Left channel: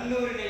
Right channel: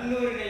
கல்லூரினை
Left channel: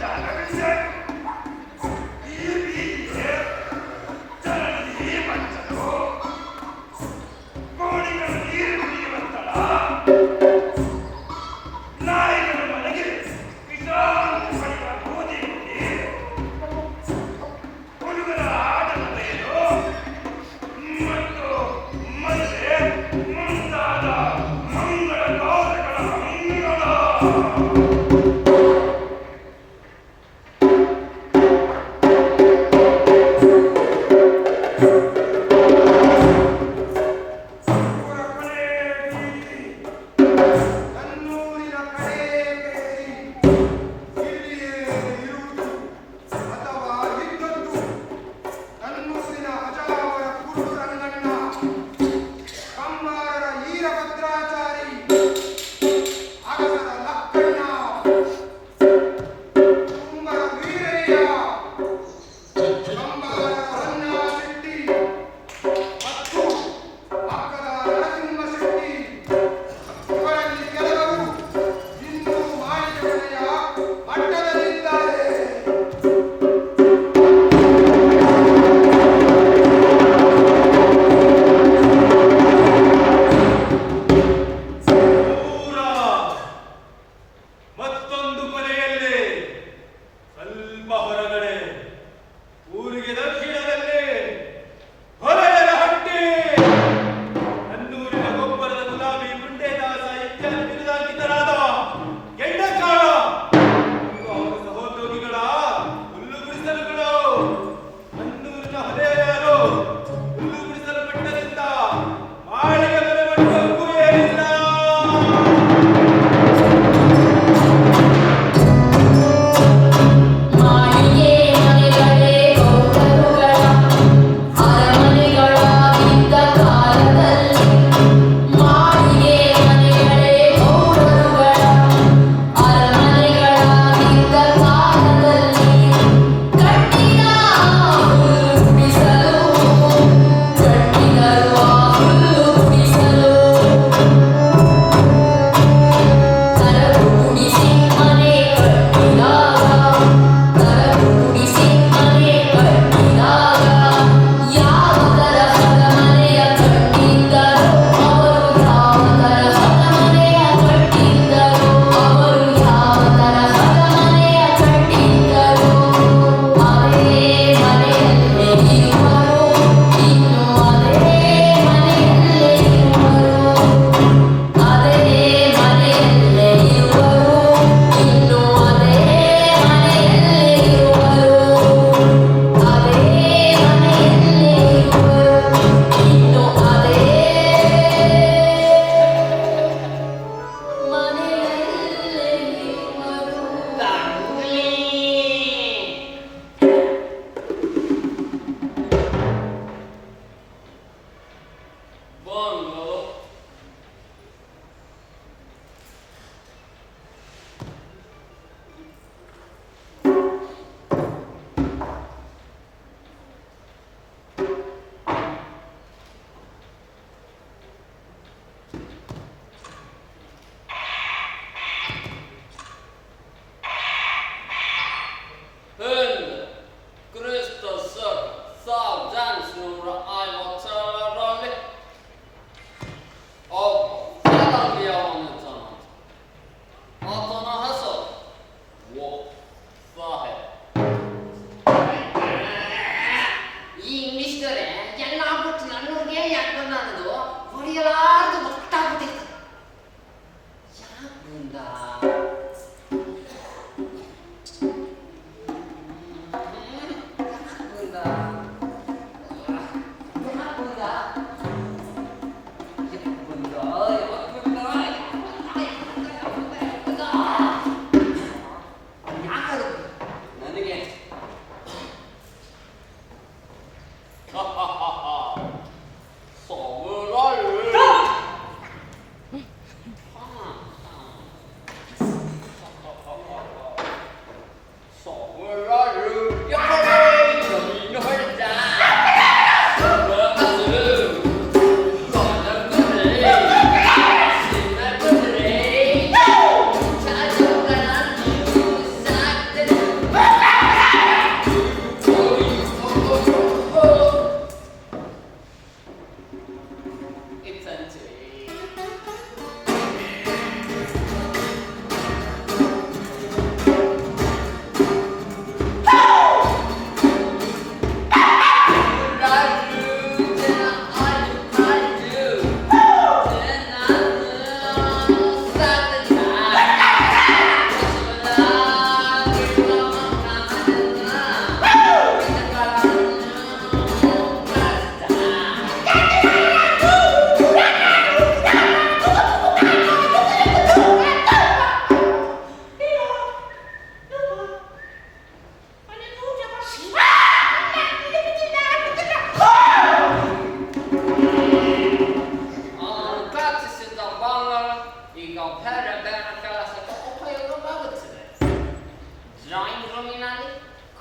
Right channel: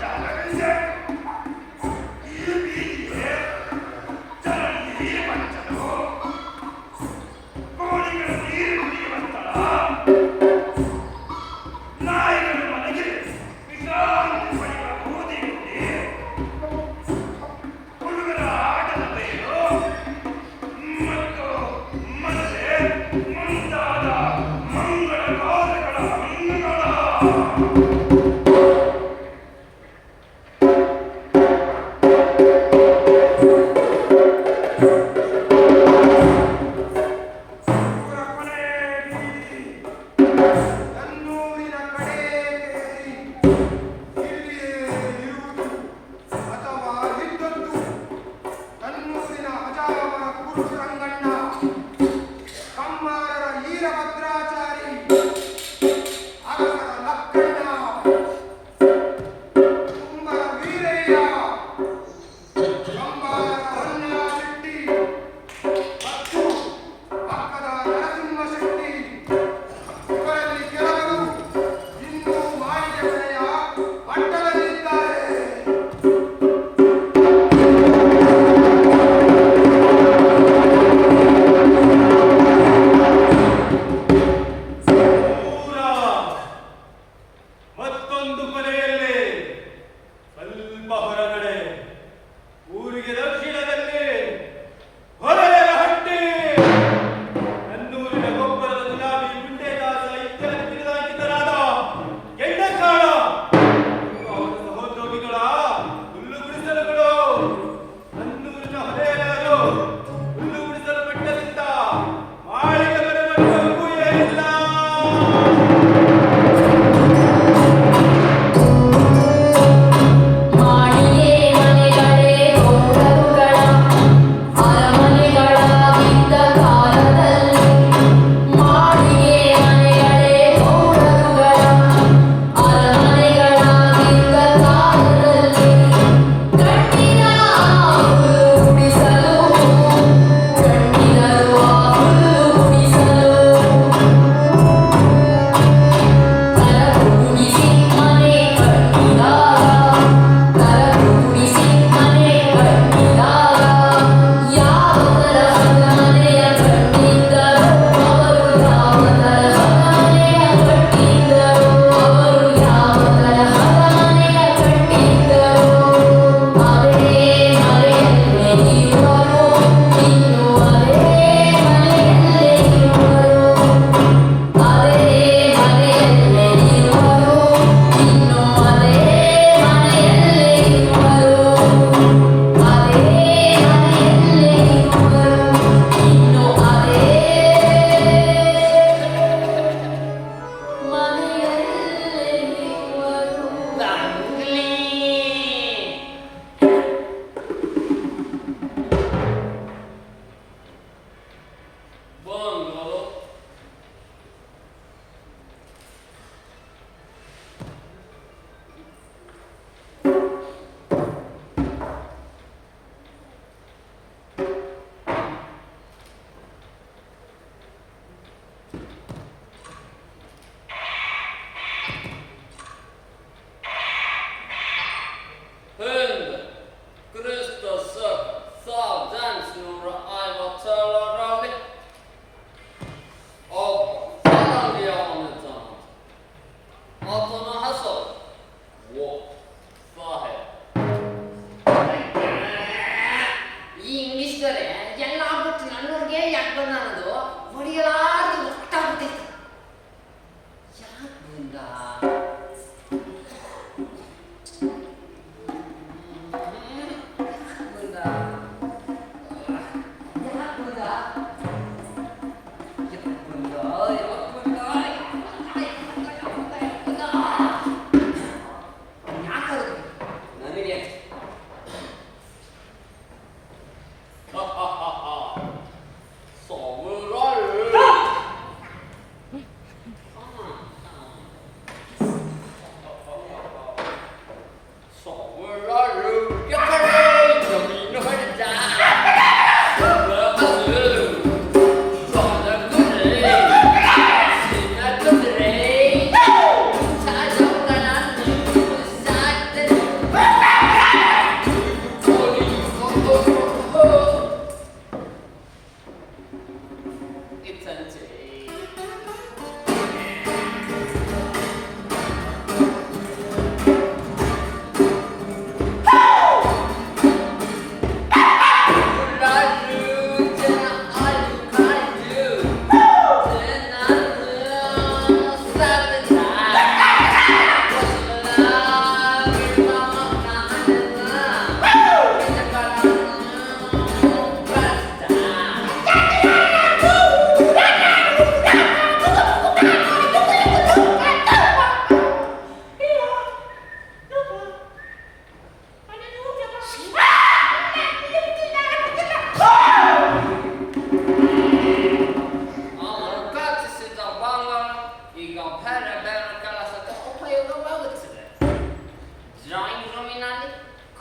Dale.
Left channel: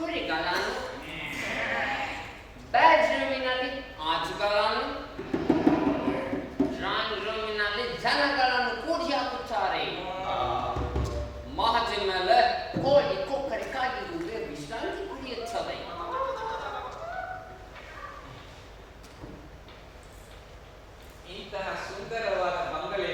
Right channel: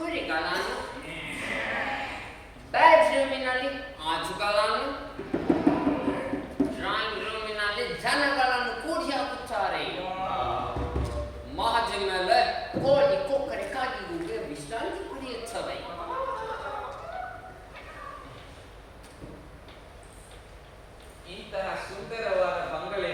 ಕುರಿಗಳನ್ನು bed ರೂಮಿನಲ್ಲಿ ಆಜುಗಳನ್ನು drawing ರೂಮಿನಲ್ಲಿ ಜನಗಳನ್ನು ಕೂಡಿ ಹಾಕುತ್ತಾರೆ ಮಹಜಿ ಮೇಲೆ ಕೋಳಿ ಕೊಕ್ಕರೆ ಕಾಗಿರುವುದು ವಿಶ್ರಾಂತಿ ಕುಡಿಯುತ್ತದೆ ಇಂತಹ ಸುಂದರವಾದ ಬಂಗಲೆ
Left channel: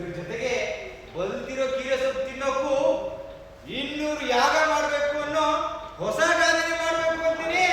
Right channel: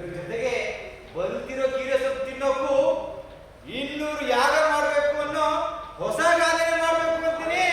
ಇದ್ರ ಜೊತೆಗೆ ಬಂದಿರೋ ಕೀರೆ ಸೊಪ್ಪು ತಿನ್ನೋಕ್ಕೂ ಇನ್ನೂರು ಯಾಗ ಮಾಡಬೇಕು ಅನ್ನೋ ಹೊಸ ಗಾದನೆ ಮಾಡಬೇಕು ಅಂತೀನಿ.